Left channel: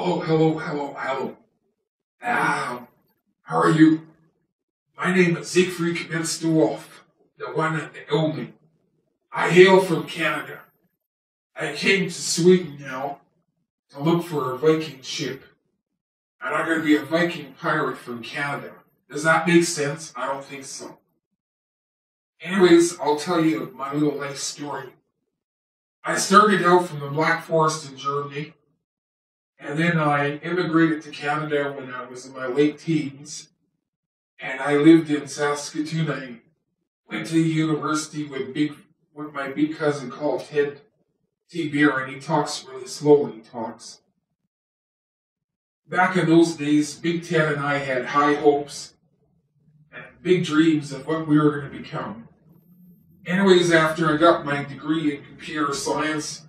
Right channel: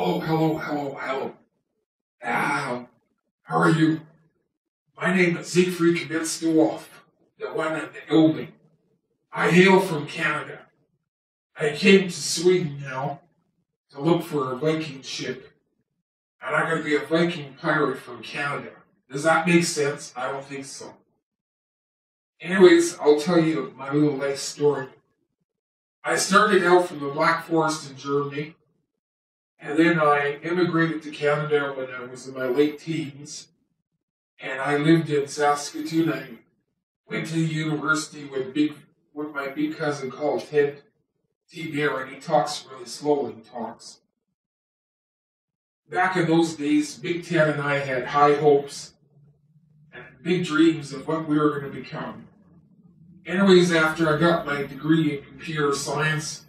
Oh, hello. How are you? My name is Seigfried the Wolf, the one and the only. I hail from Canada. I came to Sweden now to look for a Viking ship, and I'm going to be a Viking pirate from Canada. Does that make sense? I don't think so. Anyways, I'll tell you my little life story. I started out from the Black Forest in Germany, and then I immigrated to Canada when I was in my late teens, and I lived in Saskatoon. I went to university with my big cousin called Ted T. Bear, and he talks really slow when he talks. Back in those days, Big Ted and I had high hopes and big dreams of what we were going to become. Anyways, after I got my degree in computer science,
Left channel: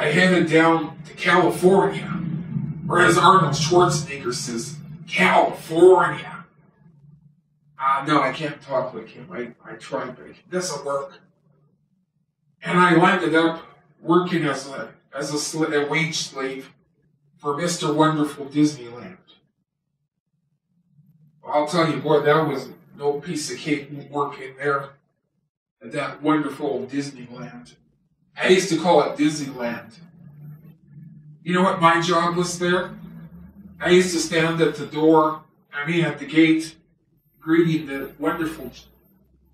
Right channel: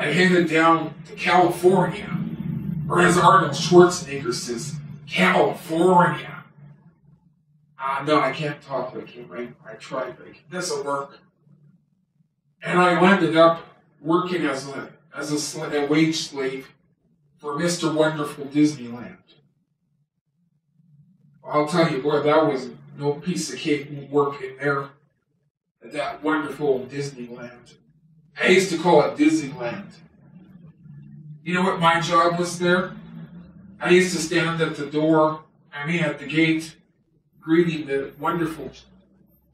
I headed down to California, or as Arnold Schwarzenegger says, California. No, I can't talk like him. I tried, but it doesn't work. And I landed up working as a wage slave for Mr. Wonderful Disneyland. I'll tell you, boy, that was no piece of cake working there at that wonderful Disneyland. I used to call it Disneyland. You know what my job was there? I used to stand at the gate, greeting the wonderful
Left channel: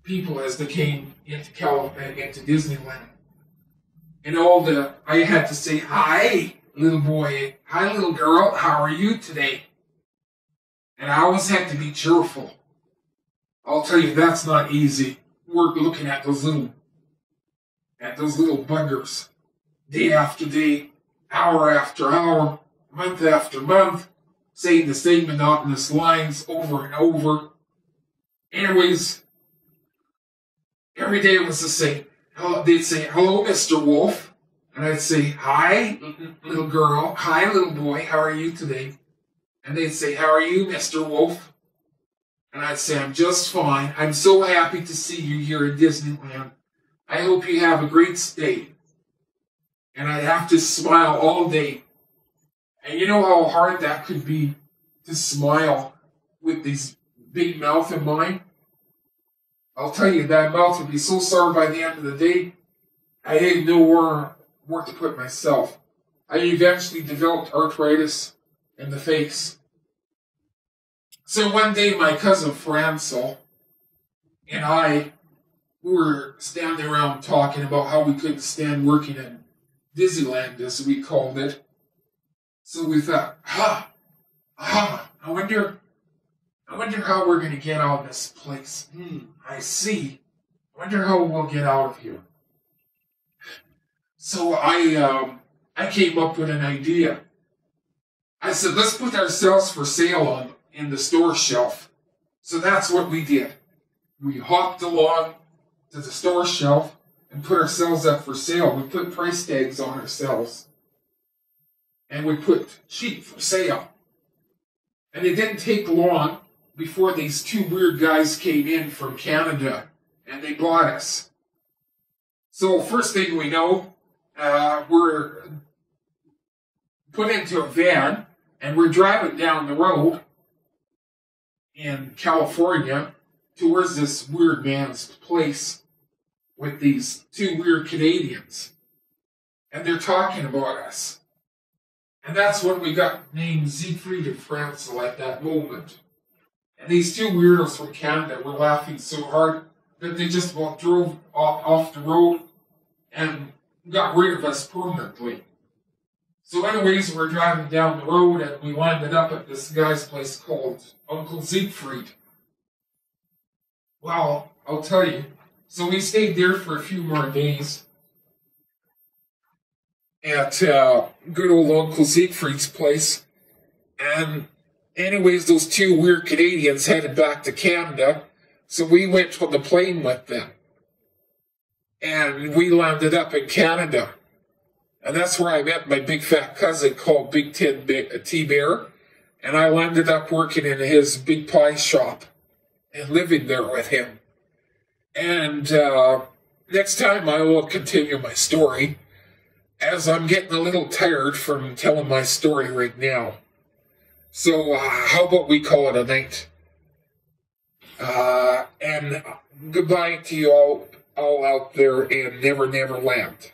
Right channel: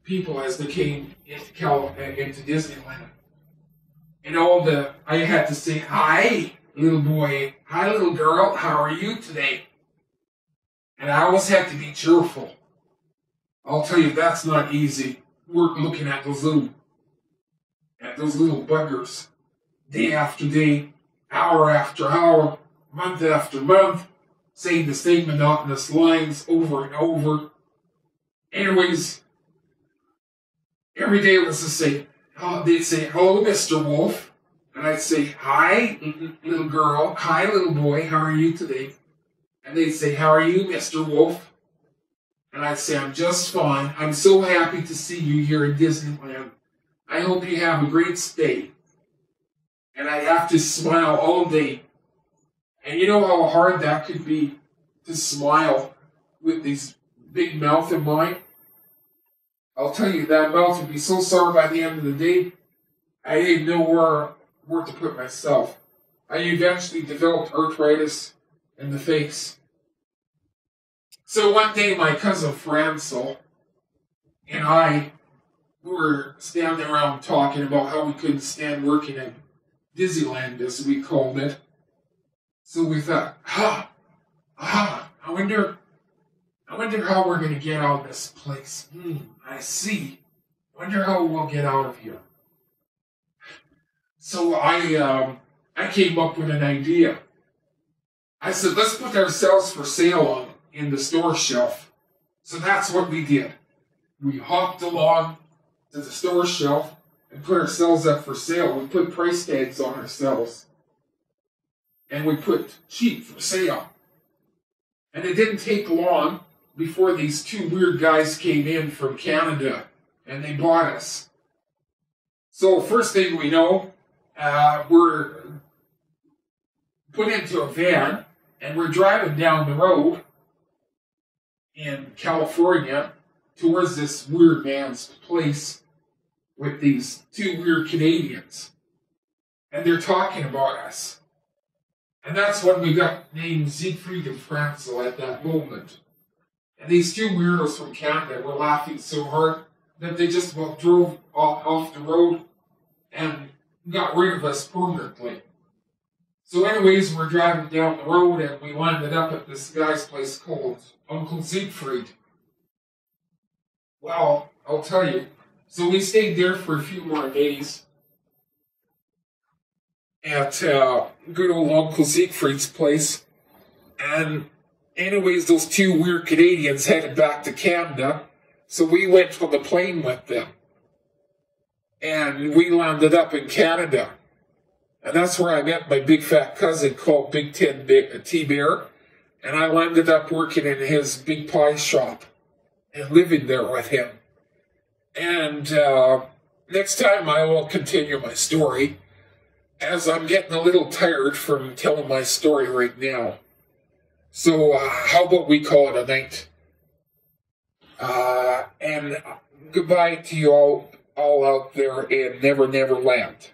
people as they came into Disneyland. And I had to say, "Hi, little boy. Hi, little girl. How are you today?" And I always had to be cheerful. I'll tell you, that's not easy. We're looking at those little buggers, day after day, hour after hour, month after month, saying the same monotonous lines over and over. Anyways, every day it was the same. They'd say, "Hello, Mr. Wolf." And I'd say, "Hi, little girl. Hi, little boy. How are you today?" And they'd say, "How are you, Mr. Wolf?" And I'd say, "I'm just fine. I'm so happy to see you here in Disneyland. I hope you have a great stay." And I'd have to smile all day. And you know how hard that could be to smile with these big mouth of mine? I'll tell you, that mouth would be so sore by the end of the day, I didn't know where to put myself. I eventually developed arthritis in the face. So one day my cousin Francel and I were standing around talking about how we couldn't stand working at Disneyland, as we called it. So we thought, I wonder how we're going to get out of this place. I see. I wonder how we'll get out of here. So I came up with an idea. I said, let's put ourselves for sale in the store shelf. So that's what we did. We hopped along to the store shelf and put ourselves up for sale. We put price tags on ourselves. And we put cheap for sale. And it didn't take long before these two weird guys came in from Canada and they bought us. So first thing we know, we're put into a van and we're driving down the road in California towards this weird man's place with these two weird Canadians. And they're talking about us. And that's when we got named Seigfried and Francel at that moment. And these two weirdos from Canada were laughing so hard that they just about drove off the road and got rid of us permanently. So anyways, we're driving down the road and we landed up at this guy's place called Uncle Seigfried. Well, I'll tell you. So we stayed there for a few more days at good old Uncle Seigfried's place. And anyways, those two weird Canadians headed back to Canada. So we went on the plane with them. And we landed up in Canada. And that's where I met my big fat cousin called Big Ted T. Bear. And I landed up working in his big pie shop and living there with him. And next time I will continue my story. as I'm getting a little tired from telling my story right now. So, how about we call it a night? And goodbye to you all out there in Never Never Land.